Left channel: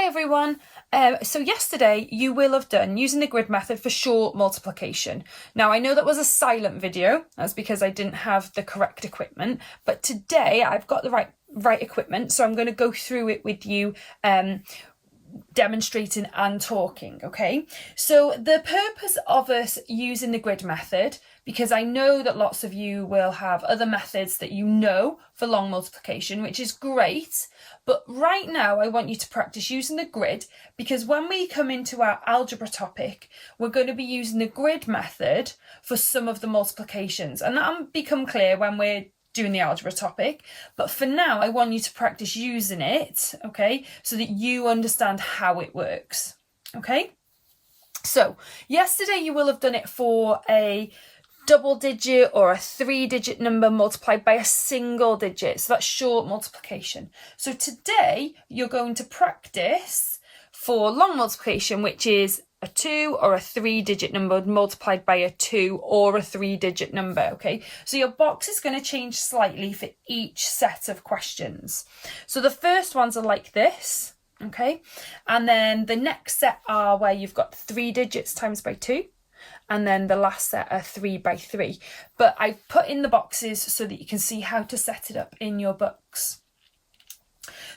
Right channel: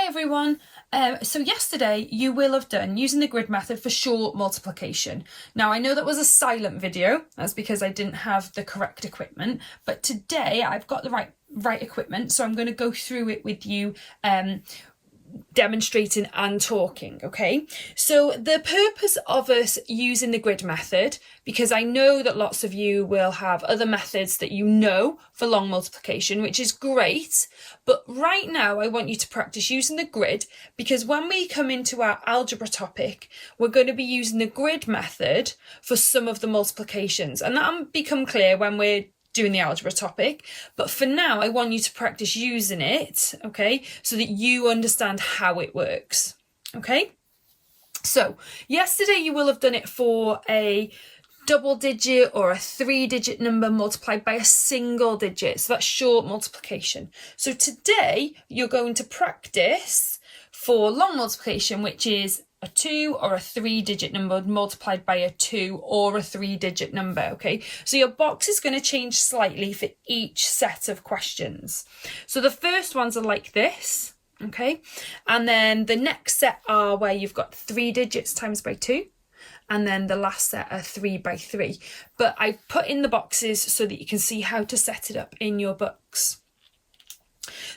Hi everyone. So yesterday you will have done using the grid method for short multiplication. Now I know that was a silent video, that's because I didn't have the correct equipment, but today I've got the right equipment, so I'm going to go through it with you, demonstrating and talking. Okay, so the purpose of us using the grid method, because I know that lots of you will have other methods that you know for long multiplication, which is great, but right now I want you to practice using the grid, because when we come into our algebra topic we're going to be using the grid method for some of the multiplications, and that'll become clear when we're doing the algebra topic. But for now I want you to practice using it, okay, so that you understand how it works. Okay, so yesterday you will have done it for a double digit or a 3-digit number multiplied by a single digit, so that's short multiplication. So today you're going to practice for long multiplication, which is a 2 or a 3-digit number multiplied by a 2 or a 3-digit number. Okay, so your box is going to change slightly for each set of questions. So the first ones are like this, okay, and then the next set are where you've got 3 digits times by 2, and then the last set are 3 by 3. But I put in the boxes so that you can see how to set it up in your books.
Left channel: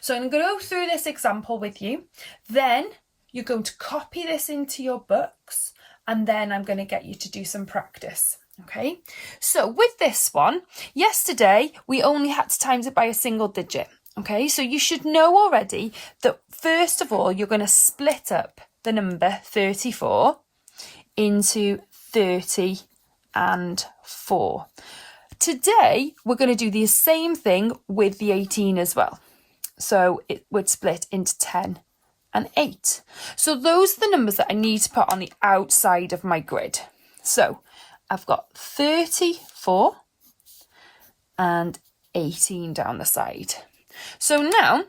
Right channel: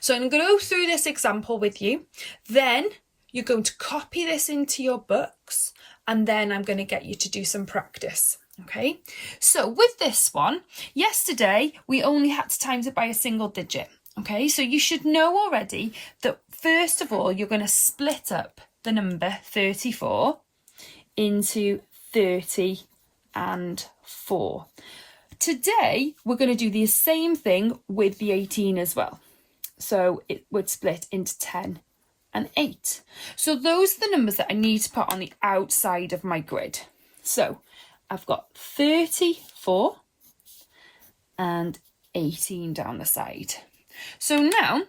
So I'm going to go through this example with you, then you're going to copy this into your books, and then I'm going to get you to do some practice. Okay, so with this one, yesterday we only had to times it by a single digit. Okay, so you should know already that first of all you're going to split up the number 34 into 30 and 4. Today we're going to do the same thing with the 18 as well. So it would split into 10 and 8. So those are the numbers that I need to put on the outside of my grid. So I've got 34 and 18 down the side. So now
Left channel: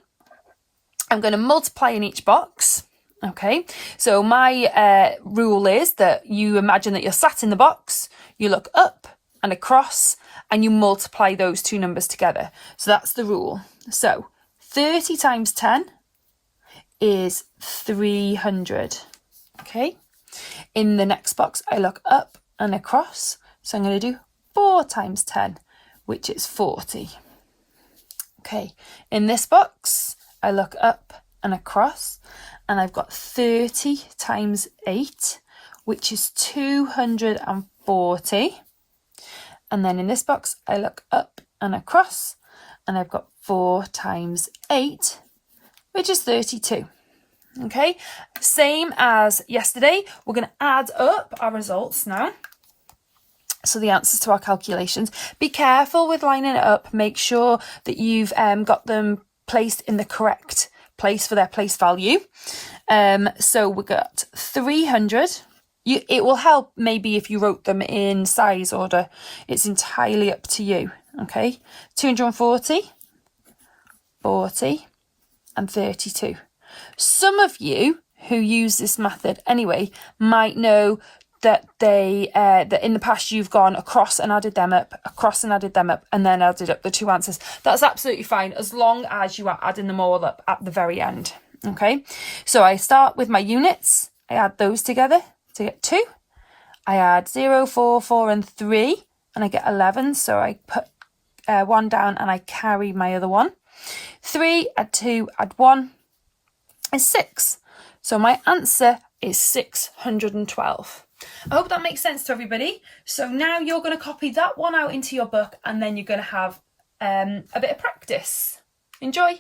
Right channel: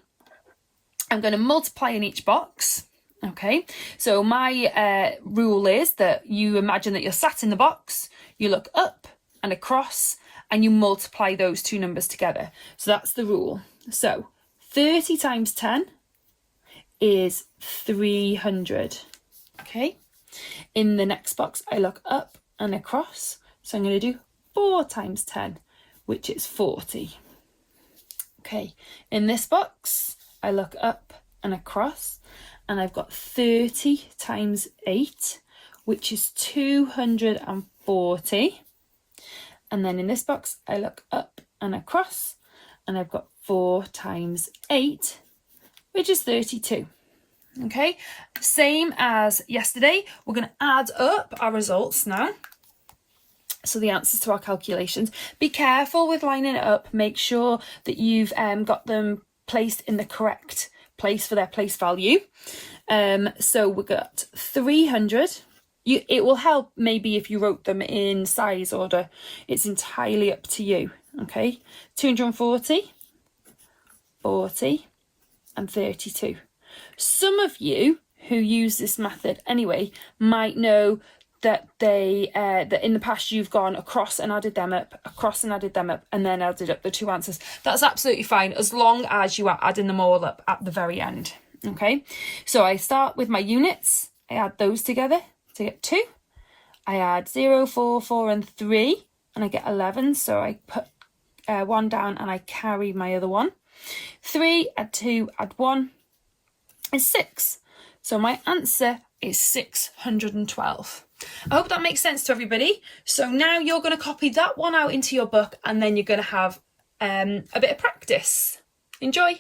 I'm going to multiply in each box. Okay, so my rule is that you imagine that you're sat in the box, you look up and across, and you multiply those two numbers together. So that's the rule. So 30 times 10 is 300. Okay, in the next box I look up and across, so I'm going to do 4 times 10, which is 40. Okay, in this box I look up and across, and I've got 30 times 8, which is 240. And then in this box I look up and across, and I've got 4 times 8, which is 32. Okay, same as yesterday, we're going to add up our results now. So the answers to our calculations. Be careful with lining it up. Make sure that you've got them placed in the correct place for their place value. So we got 300. It will help maybe if you wrote them in size order. It's entirely up to you. Okay, 240, 40 and 32. Some of you who use this method anyway might know that that in the past you've gone across and added them up, and then added up the two answers. That's absolutely fine as long as you are adding them all up at the very end. Okay, so I start with my units, I add those together to get 2. I add 0, 4, 4 and 3, and I get 11, so I put 1 down and I carry my other one. 3, add 2, add 1 is 6. So my answer is 612. I hope that makes sense to everybody. So now you're going to copy that one out into your book, and then you're going to have a bit of practice. Enjoy.